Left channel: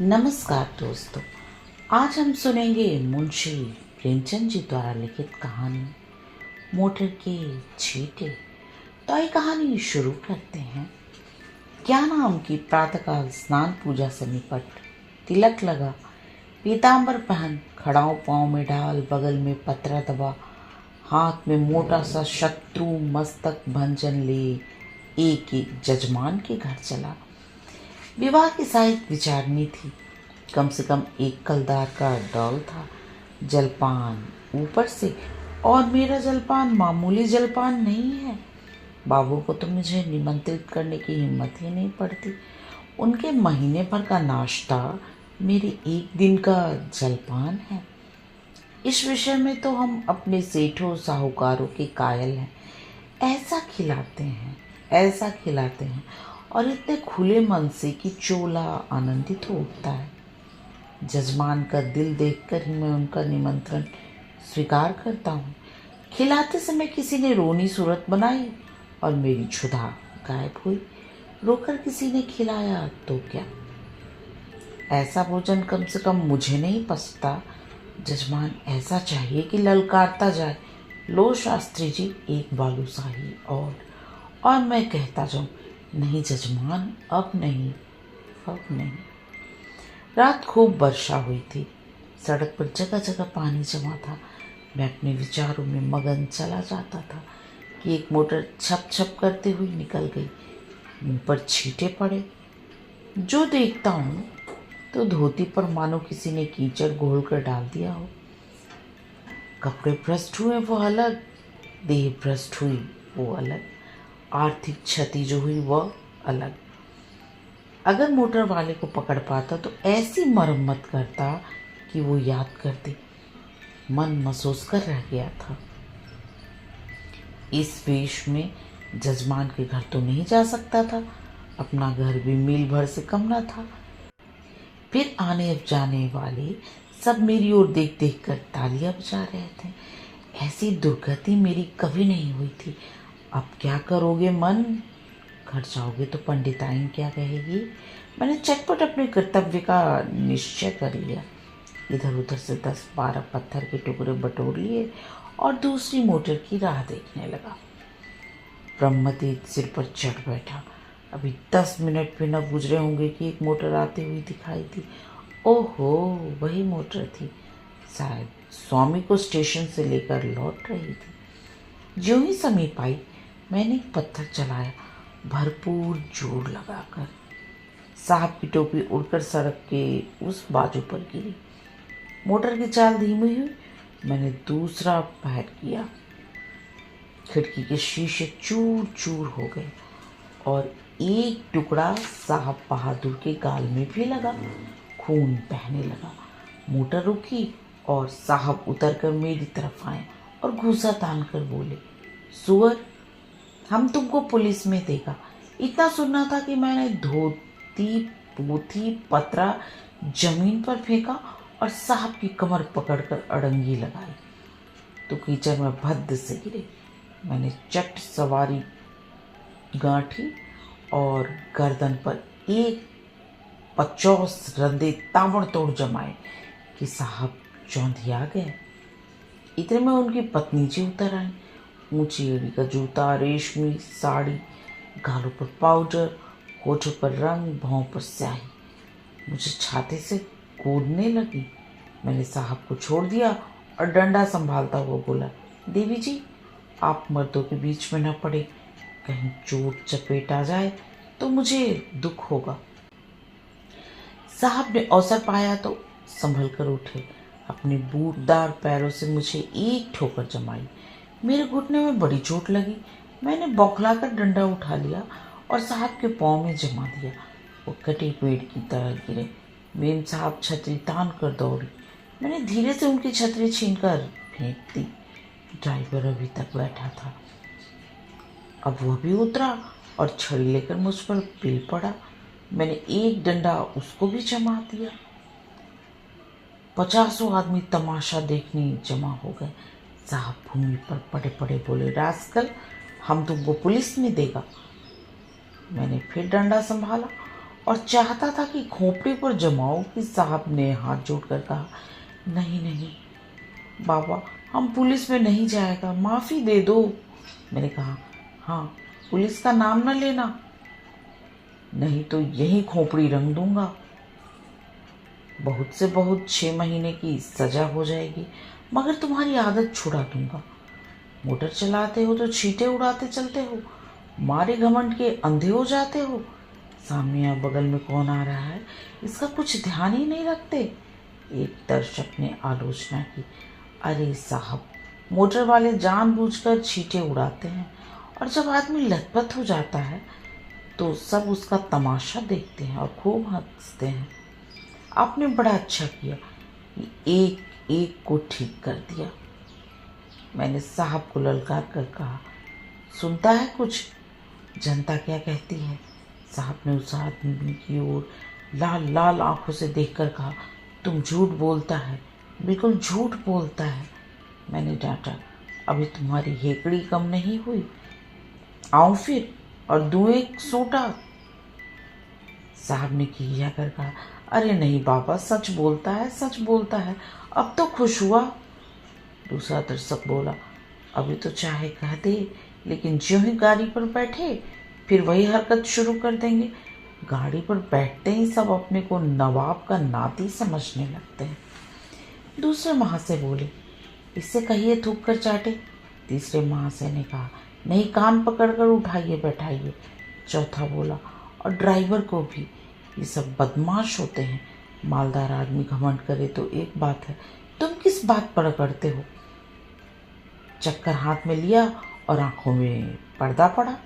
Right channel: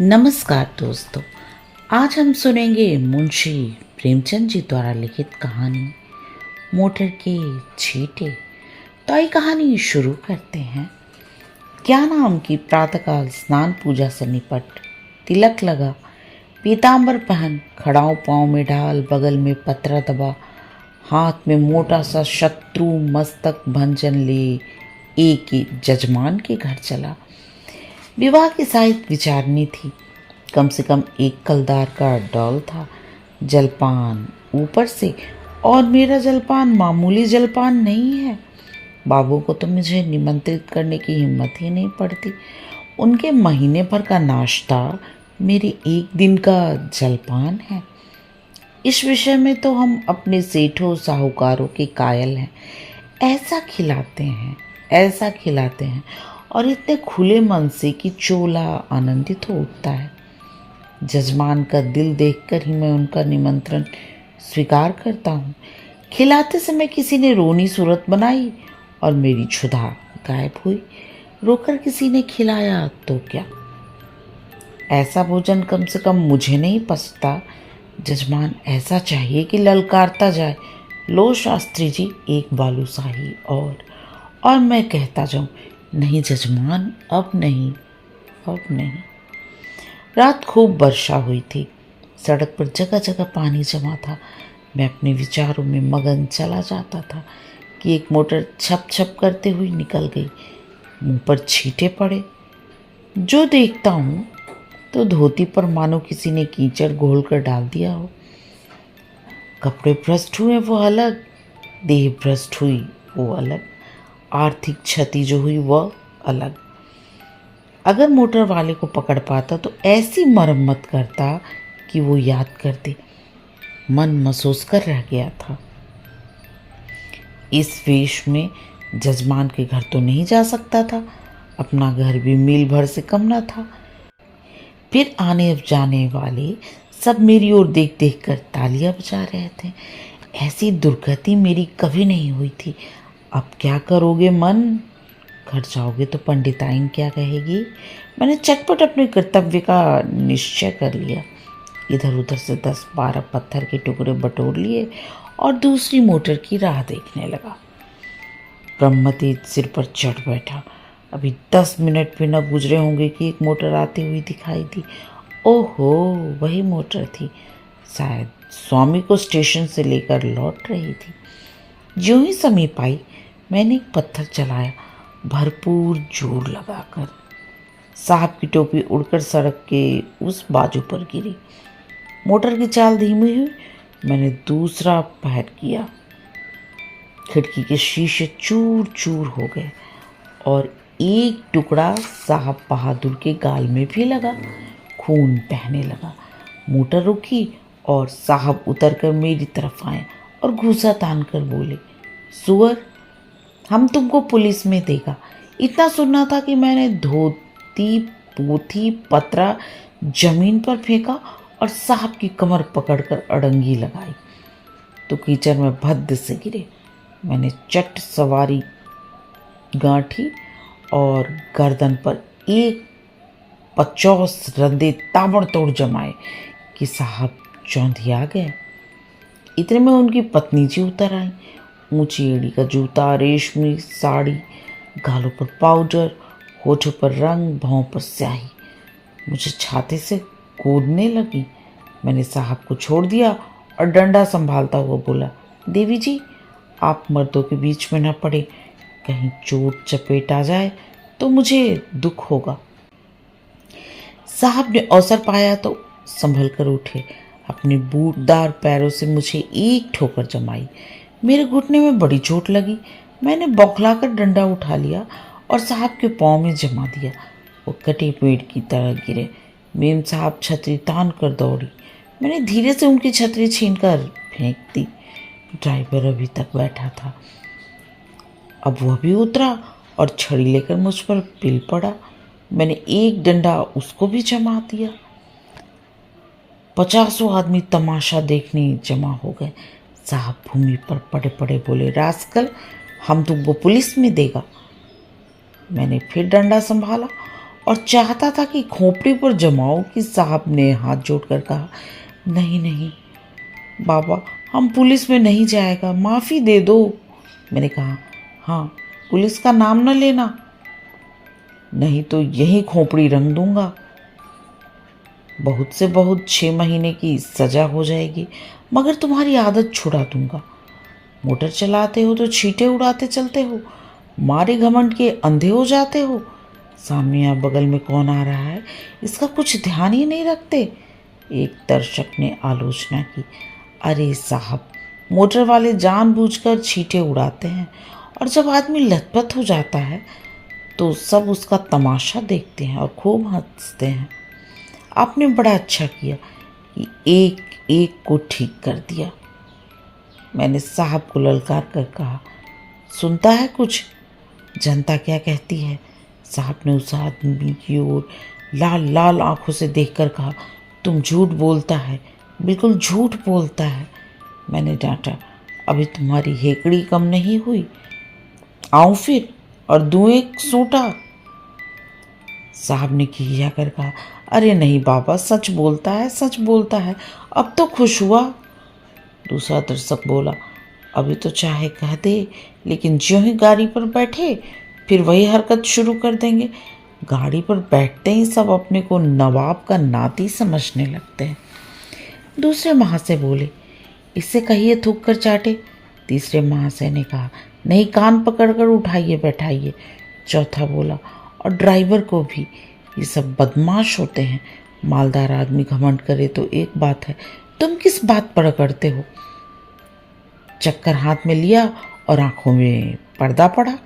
नमस्कार दोस्तों। आज हम सुनेंगे मुंशी प्रेमचंद जी द्वारा लिखित कहानी मोटर के छींटे। तो आइए कहानी शुरू करते हैं। क्या नाम की प्रातःकाल स्नान पूजा से निपट, तिलक लगा, पीतांबर पहन, खड़ाऊ पाँव में ढाल, बगल में पत्रा दबा, हाथ में मोटा सा शत्रु मस्तक भंजन ले एक ही जजमान के घर चला। विवाह की शायद विचारनी थी। कम से कम एक कलदार का डॉल था। जलपान ऊपर से, और मेरा जलपान मामूली जलपान नहीं है। बाबू को तो मुझे निमंत्रित करने की हिम्मत ही नहीं पड़ती। उनके महीने भर का नाश्ता मेरे एक दिन का जलपान है। इस विषय में तो हम अपने सेठों साहूकारों के कायल हैं। ऐसा खिलाते हैं, ऐसा खिलाते हैं, और इतने खुले मन से कि चोला आनंदित हो उठता है। जजमान का दिल देखकर ही मैं उनका निमंत्रण स्वीकार करता हूँ। खिलाते समय किसी ने रोनी सूरत बनाई और मेरी क्षुधा गायब हुई। रोकर किसी ने खिलाया तो क्या, ऐसा भोजन कम से कम मुझे नहीं पचता। जजमान ऐसा चाहिए कि ललकारता जाए, लो शास्त्री जी एक बालूशाही और मैं कहता जाऊं, नहीं जजमान अब नहीं, अब नहीं। रात खूब वर्षा हुई थी। सड़क पर जगह जगह पानी जमा था। मैं अपने विचारों में मगन चला जाता था कि एक मोटर छप छप करते हुई निकल गई। मुंह पर छींटे पड़े। जो देखता हूँ तो धोती पर मानो किसी ने कीचड़ घोल कर डाल दिया हो। कपड़े भ्रष्ट हुए वो अलग, देह भ्रष्ट हुई वो अलग, आर्थिक क्षति जो हुई वह अलग। अगर मोटर वाले को पकड़ पाता तो ऐसी मरम्मत करता कि वो याद कर दे। मन महसूस कर रह गया था। इस वेश में जजमान के घर तो नहीं जा सकता था। अपना घर भी मील भर से कम न था। फिर आने जाने वाले सब मेरी ओर देख देख कर तालियां बजा रहे थे। ऐसी दुर्गति मेरी कभी नहीं हुई थी। अब क्या करोगे मन? घर जाओगे तो पंडिताइन क्या कहेगी? मैंने चटपट अपने कर्तव्य का निश्चय कर लिया। इधर उधर से 10-12 पत्थर के टुकड़े बटोर लिए और दूसरी मोटर की राह देखने लगा। ब्रह्मतीत सिर पर चढ़ बैठा। अभी 10 मिनट भी न गुजरे होंगे कि एक मोटर आती हुई दिखाई दी। ओहो, वही मोटर थी। शायद स्वामी को स्टेशन से लेकर लौट रही थी। ज्यों ही समीप आई, मैंने एक पत्थर चलाया, भरपूर जोर लगाकर। साहब की टोपी उड़कर सड़क के उस बाजू पर गिरी। मोटर की चाल धीमी हुई। मैंने दूसरा पैर किया। खिड़की के शीशे चूर चूर हो गए और एक टुकड़ा साहब बहादुर के गाल में भी लगा। खून बहने लगा। मोटर रुकी और साहब उतरकर मेरी तरफ आए और घूंसा तान कर बोले, सुअर, हम तुमको पुलिस में देगा। इतना सुनना था कि मैंने धोती पोथी पत्रा जमीन पर फेंका और साहब की कमर पकड़कर अड़ंगी लगाई तो कीचड़ में भद्द से गिरे। मैंने चट सवारी गांठी और गर्दन पर एक 50 रंदे ताबड़तोड़ जमाए कि साहब चौंधिया गए। इतने में उनकी पत्नी जी उतर आई। ऊंची एड़ी का जूता, रेशमी साड़ी, गालों पर पाउडर, होठों पर रंग, भौं पर स्याही। मुझे छाती से कूदने लगी। मैंने साहब को छोड़ दिया और डंडा संभालता हुआ बोला, देवी जी आप मर्दों के बीच में न पड़े, कहीं चोट चपेट आ जाए तो मुझे दुख होगा। साहब ने अवसर पाया तो संभल कर उठे। अपने बूटदार पैरों से मुझे एक ठोकर जमाई। मेरे घुटने में बड़ी चोट लगी। मैंने बौखलाकर डंडा उठा लिया और साहब के पाँव में जमा दिया। वो कटे पेड़ की तरह गिरे। मेम साहब छतरी तान कर दौड़ी। मैंने धीरे से उनकी छतरी छीनकर फेंक दी। ड्राइवर अभी तक बैठा था। अब वह भी उतरा और छड़ी लेकर मुझ पर पिल पड़ा। मैंने एक डंडा उसको भी जमा दिया। 50 आदमी तमाशा देखने जमा हो गए। साहब भूमि पर पड़े पड़े बोले, रास्कल, हम तुमको पुलिस में देगा। मैंने फिर डंडा संभाला और चाहता था कि खोपड़ी पर जमाओ कि साहब ने हाथ जोड़कर कहा, नहीं नहीं बाबा, हम पुलिस में नहीं जाएगा, माफ़ी दे दो। मैंने कहा, हाँ पुलिस का नाम न लेना, नहीं तो यही खोपड़ी रंग दूंगा। बहुत से बहुत 6 महीने की सज़ा हो जाएगी, मगर तुम्हारी आदत छुड़ा दूंगा। मोटर चलाते हो तो छींटे उड़ाते चलते हो, मारे घमंड के अंधे हो जाते हो। सामने या बगल में कौन आ रहा है इसका कुछ ध्यान ही नहीं रखते। एक दर्शक ने आलोचना की, अरे साहब, मोटर वाले जानबूझकर छींटे उड़ाते हैं और जब आदमी लथपथ हो जाता है तो सब उसका तमाशा देखते हैं और खूब हंसते हैं। आपने बड़ा अच्छा किया कि एक एक को ठीक कर दिया। मैंने साहब को ललकार कर कहा, सुनता है कुछ, जनता क्या कहती है? साहब ने उस आदमी की ओर लाल लाल आंखों से देखकर कहा, तुम झूठ बोलता है, बिल्कुल झूठ बोलता है। मैंने डांटा, अभी तुम्हारी हेकड़ी कम नहीं हुई, आऊं फिर और दूं एक सूटा। साहब ने खिया कर कहा, अरे नहीं बाबा, सच बोलता है, सच बोलता है, अब तो खुश हुआ। दूसरा दर्शक बोला, अभी तो चाहे कह दे, लेकिन ज्यों ही गाड़ी पर बैठे फिर वही हरकत शुरू कर देंगे। गाड़ी पर बैठते ही सब अपने को नवाब का नाती समझने लगते हैं। दूसरे महाशय बोले, इससे कहिए थूक कर चाटे। तीसरे महाशय ने कहा, नहीं, कान पकड़कर उठाइए बैठाइए। चौथा बोला, और ड्राइवर को भी, ये सब बदमाश होते हैं। मालदार आदमी घमंड करे तो एक बात है, तुम किस बात पर अकड़ते हो? चक्कर हाथ में लिया और आंखों में पर्दा पड़ा।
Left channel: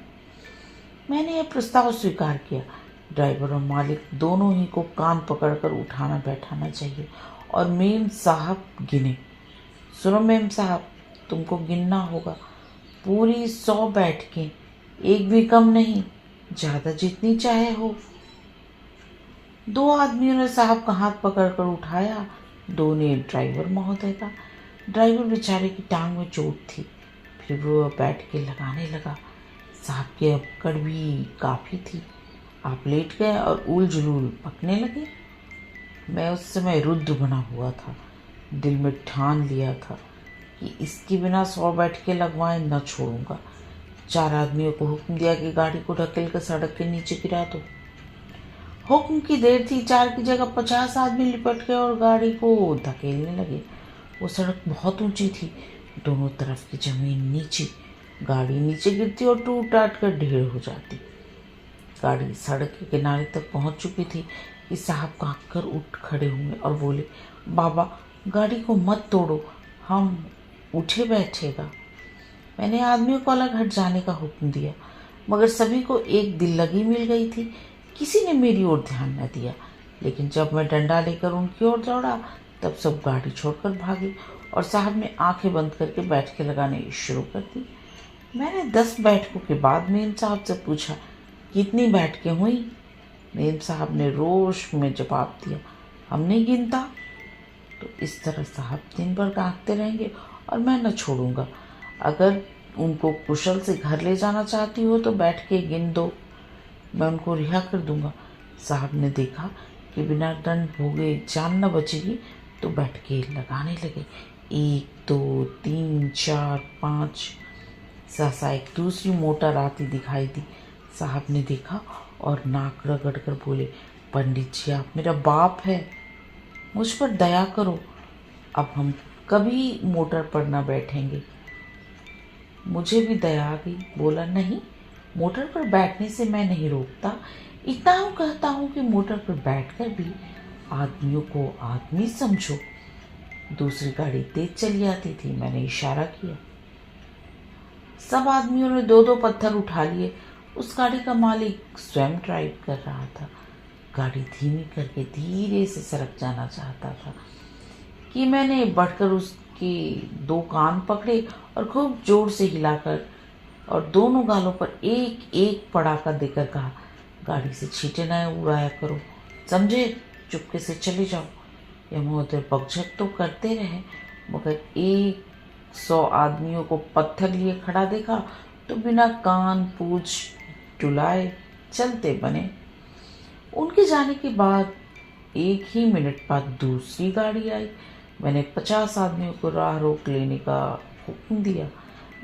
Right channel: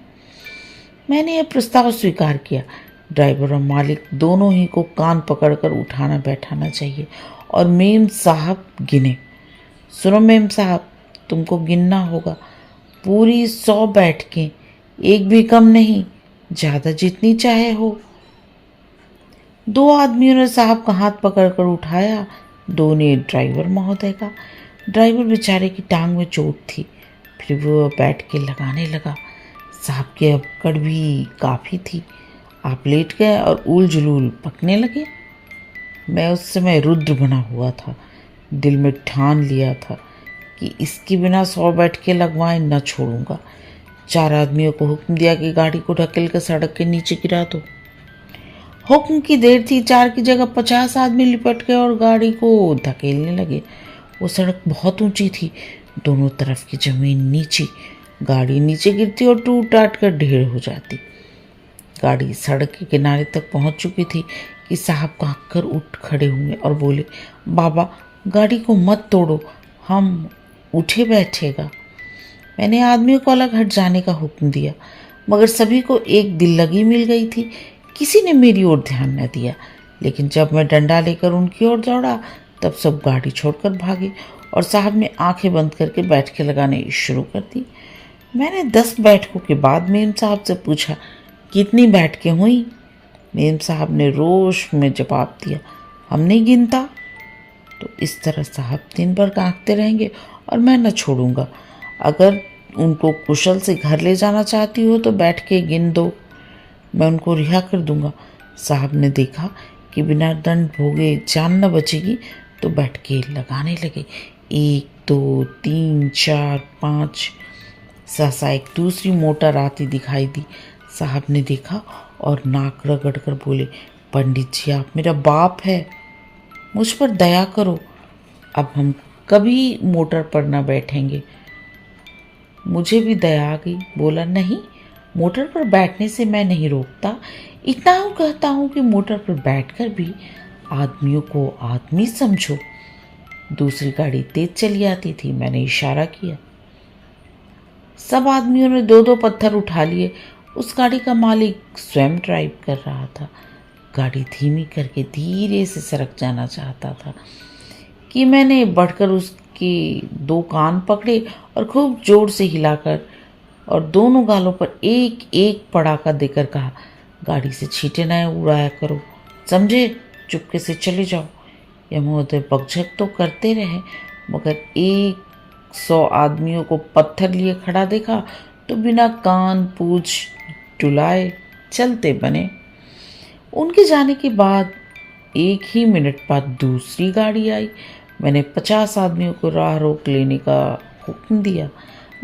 मैंने यह प्रस्ताव स्वीकार किया। ड्राइवर और मालिक दोनों ही को कान पकड़कर उठाना बैठाना चाहिए और मेम साहब गिने। सुनो मेम साहब, तुमको गिनना होगा, पूरी 100 बैठकें, एक भी कम नहीं, ज़्यादा जितनी चाहे हो। 2 आदमियों ने साहब का हाथ पकड़कर उठाया, 2 ने ड्राइवर महोदय का। ड्राइवर बेचारे की टांग में चोट थी, फिर वो बैठ के लगाने लगा। साहब की अकड़ भी काफ़ी थी। आप लेट गए और ऊल जुलूल पकने लगे। मैं उस समय रुद्र बना हुआ था, दिल में ठान लिया था कि इसके बिना 100 बैठकें लगवाए न छोड़ूंगा। 4 आदमियों को हुक्म दिया कि गाड़ी को ढकेल कर सड़क के नीचे गिरा दो। हुक्म की देर थी, 4 की जगह 50 आदमी लिपट गए और गाड़ी को धकेलने लगे। वो सड़क बहुत ऊंची थी, दोनों तरफ की जमीन नीची, गाड़ी नीचे गिरती और टूट टाट कर ढेर हो जाती। गाड़ी सड़क के किनारे तक पहुंच चुकी थी कि साहब कांप कर उठ खड़े हुए और बोले, बाबा गाड़ी को मत तोड़ो, हम उठे बैठेगा। मैंने आदमियों को अलग हट जाने का हुक्म दिया, मगर सभी को एक दिल लगी मिल गई थी। किसी ने मेरी ओर ध्यान न दिया, लेकिन जब मैं डंडा लेकर उनकी ओर दौड़ा तब सब गाड़ी छोड़कर भागे और साहब ने आंखें बंद करके बैठकें लगाने शुरू कर दी। मैंने 10 बैठकों के बाद मेम साहब से पूछा, कितनी बैठकें हुई? मेम साहब ने रोष में जवाब दिया, हम नहीं गिनता। तो इस तरह साहब दिन भर कांपते रहेंगे और मैं न छोड़ूंगा। अगर उनको कुशल से घर ले जाना चाहती हो तो बैठ के गिन दो, मैं उनको रिहा कर दूंगा। साहब ने देखा कि बिना दंड भोगे जान न बचेगी तो बैठ के लगाने लगे। 1 2 3 4 5। सहसा एक दूसरी मोटर आती दिखाई दी। साहब ने देखा और नाक रगड़ कर बोले, पंडित जी आप मेरा बाप है, मुझ पर दया करो, अब हम कभी मोटर पर न बैठेंगे। मुझे भी दया आ गई, बोला, नहीं, मोटर पर बैठने से मैं नहीं रोकता, इतना हूँ कहता हूँ कि मोटर पर बैठकर भी आदमियों को आदमी समझो। दूसरी गाड़ी तेज चली आती थी, मैंने इशारा किया। सब आदमियों ने 2-2 पत्थर उठा लिए। उस गाड़ी का मालिक स्वयं ड्राइव कर रहा था। गाड़ी धीमी करके धीरे से सड़क जाना चाहता था कि मैंने बढ़कर उसके 2 कान पकड़े और खूब जोर से हिलाकर और दोनों गालों पर एक एक पड़ाका देकर कहा, गाड़ी से छींटे न उड़ाया करो, समझे, चुपके से चले जाओ। यह महोदय बकझक तो करते रहे, मगर 100 आदमियों को पत्थर लिए खड़ा देखा तो बिना कान पूछ डुलाए चलते बने। उनके जाने के बाद 1 ही मिनट बाद दूसरी गाड़ी आई। मैंने 50 आदमियों को राह रोक लेने का हुक्म दिया।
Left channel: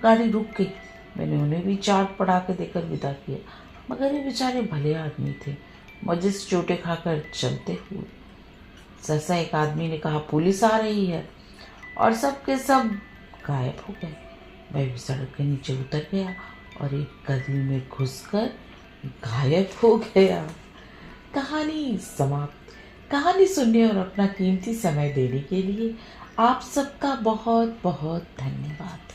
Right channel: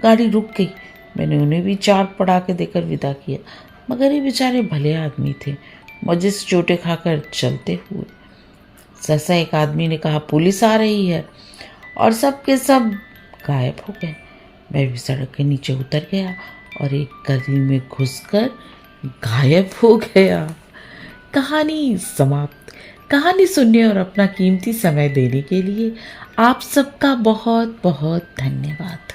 गाड़ी रुक गई। मैंने उन्हें भी चाट पड़ा के देकर विदा किया, मगर ये बेचारे भले आदमी थे, मुझे से चोटें खाकर चलते हुए। सहसा एक आदमी ने कहा, पुलिस आ रही है, और सब के सब गायब हो गए। मैं भी सड़क के नीचे उतर गया और एक गली में घुसकर गायब हो गया। कहानी समाप्त। कहानी सुनने और अपना कीमती समय देने के लिए आप सबका बहुत बहुत धन्यवाद।